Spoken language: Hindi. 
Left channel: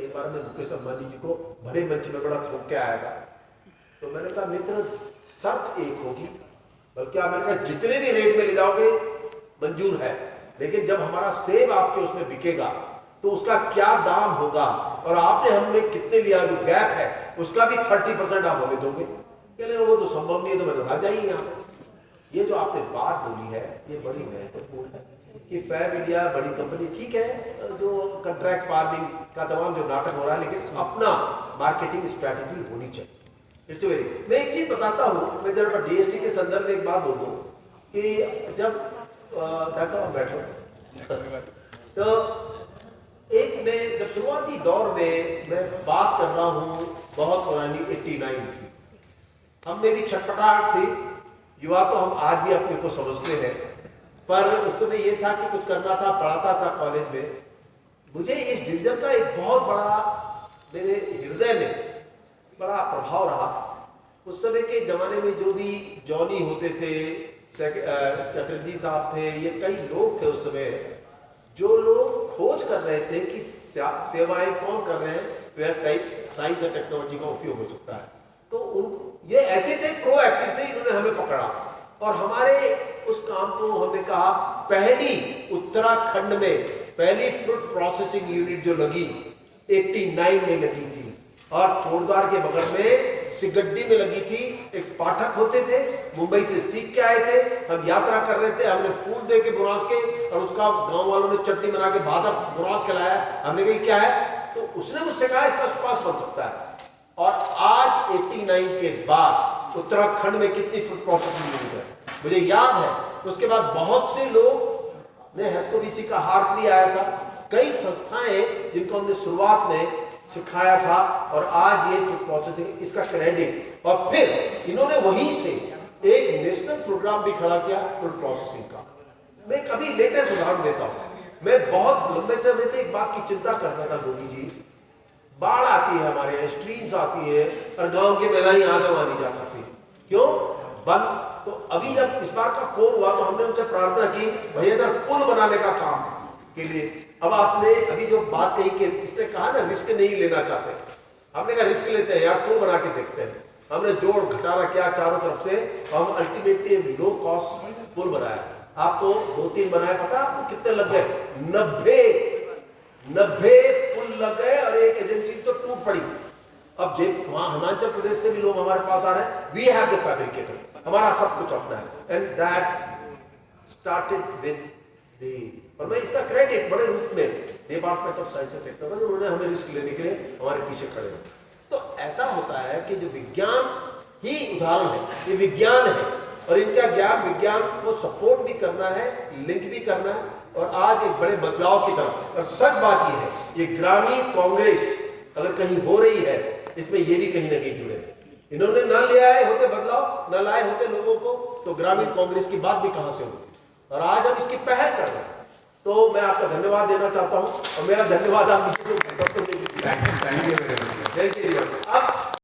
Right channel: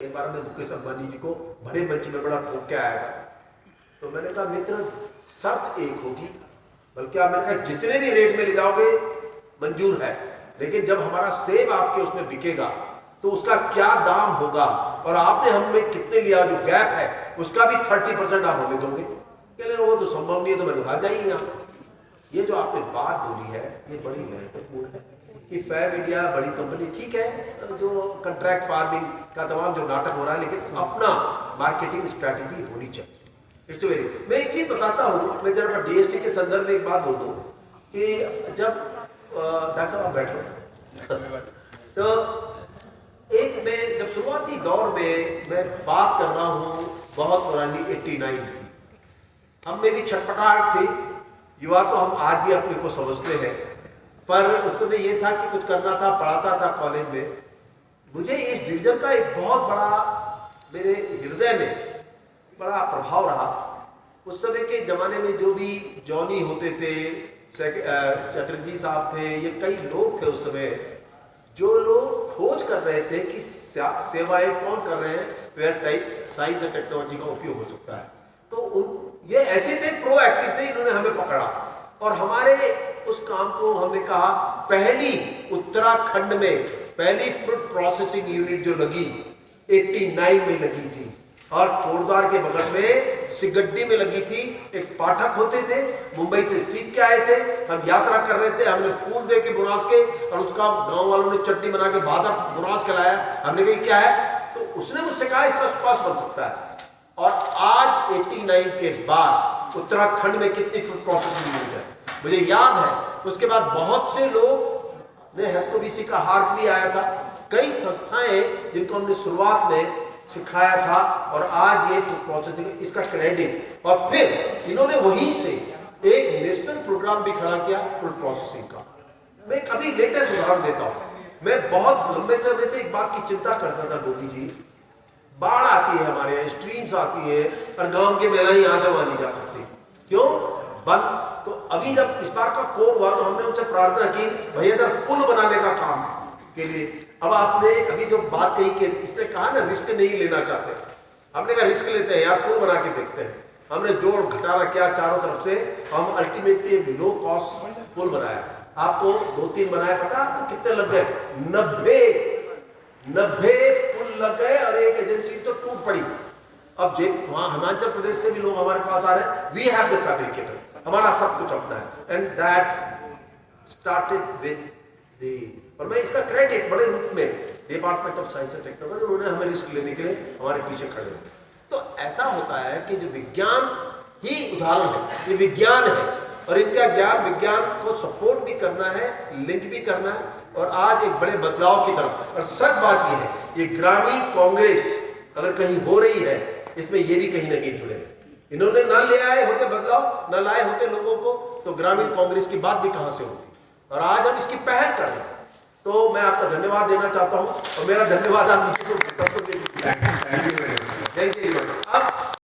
एक बार मैं मुकेश अंबानी जी को भरे मंच में बड़ा ठोक के आया था, तो मैंने कहा मित्र शर्त एक होगी, बल्कि आप मैंने कहा जितने भी रेट में ले जाओगे मंजूर है, लेकिन जब हमारा सेब आपके उसमें बिकेगा तो उसका क्या दाम होगा और आपने हमें कितने लिया, जो गैप है उसका भी 30% आप हमें दोगे। कह रहे वो तो संभव नहीं है, तो मैंने भाग जाइए यहाँ से। ये जो आपने बात बोली है ये बड़ी महत्वपूर्ण है कि फैब इंडिया बड़ी कंपनी ठीक है, जो कंट्रैक्ट फार्मिंग का तमाम जो नाटक हो रहा है, लेकिन अपना मार्केटिंग स्ट्रैटेजी होनी चाहिए। इट्स वेरी, मैं एक चीज़ बताता हूँ, मैं जरा DST के संदर्भ में एक बात बोल दूँ कि जब डॉक्टर साहब आप बैठो तो एक मैं जब शुरुआती दौर में मैं बात कर रहा हूँ बहुत पुरानी 89 की, हम में भी छटपटाहट थी, युवा तो हम आज भी अपने को समझते हैं, पर उस समय ये था कि कुछ करना था, पढ़ाता था कॉलेज में। मुझे इस डिवीजन का एक बहुत बड़ा मेरे हृदय में बड़ा प्रभाव रहा। उस समय के ज़माने में जो भी जॉनी होते थे, चटर्जी साहब थे, ये कई लोग थे उस समय जो लोग खोज कर रहे थे कि सेवाएं कौन कर रहे हैं, वेयर टाइप साइंस और टेक्नोलॉजी का उपयोग हो सकता है। तो ये ऐसे थे, प्रोएक्टिव थे, इन्होंने हमें पकड़ा और हमारे उस काम को हमने कहा, पहली उत्तराखंड में पहली फ्रूट प्रोसेसिंग यूनिट जो लगी 89 में लगी थी और कोटद्वार के बगल में सिगड्डी में लगी थी। एक पाठक होते थे, मुंबई से सीख के आए थे, हम यात्रा कर रहे थे, हमने फूल दे के बुरास के और उसका गांव वालों ने चटनी बना के बादर बुरास खिलाया। हमने कहा क्या है, तो उसने मुझसे कहा इसका सुपास बन सकता है। और आज 89 के बाद उत्तराखंड में कितनी फूड प्रोसेसिंग यूनिट है मुझे याद है। उसके बाद बहुत से लोग ने हेस्कोबीसी का हार्क भी आया था, कई संस्थाएं जिनको हमने शुरुआत में सिखाया था और आज ये फूड प्रोसेसिंग, इसका क्रेडिट। और फिर इन्होंने वहीं से एक नेशनल प्रोग्राम भी खड़ा किया फूड प्रोसेसिंग का। मैं कभी लेटेस्ट उदाहरण देता हूँ, मैं बहुत लंबे समय से एक बात की चिंता करता था, गोपी जी, बाढ़ आती है हमारे यहाँ, स्ट्रीम्स आती है और गांव के महिलाएं यहाँ से वहां नहीं जा सकती, क्यों बंद। तो अभी जब इस बार का कोर हुआ तो हमने उनसे प्रार्थना की, भैया इधर पुल बनाने का काम के लिए। अब आपने अभी जो बात कही कि इसने कहा ना रिस्क नहीं लेना चाहते, हमने कहा रिस्क लेते हैं यार, पुल बना के देखते हैं। हमने जोड़ घटाना किया चारों तरफ से, हम अल्टीमेटली लो कॉस्ट पुल बनाया। आपको 2-3 बनाया, पता आपको कितने लग गए? 90 पुल लग गए और एक एजेंसी तो टूट पड़ी। अब वहां हिमाचल प्रदेश से भी लोग हमारे पास आ रहे हैं, वी हैव द फैब्रिकेटर, हमारा सब कुछ अपना है। And that started with the, और मैं इसका क्रेडिट बड़े रूप में department of science and technology, उन्होंने हमें रिस्क लेने के लिए हमारे पीछे खड़े हुए। तो ऐसा होता है कि जो विज्ञान ही उदाहरण है, ये विज्ञान है और इनका ज्ञान विज्ञान को सपोर्ट भी करना है, लिंक भी करना है और आज एक बड़े बदलाव की तरफ। और सच बात ये है, ये ग्रामीण कांग्रेस अगर कहीं हो रही है, इसमें ये भी कहीं ना कहीं जुड़े हैं। इन्होंने ना ले आए होते बदलाव, ना लाए होते लोगों को, तो ग्रामीण कांग्रेस की बात भी कहां से होती। और आज हम इसकी पहल कर रहे हैं, तो मैं आपका धन्यवाद देना चाहता हूं और मेरा धन्यवाद आप नीचे सबको दे दीजिए। Thank you. अब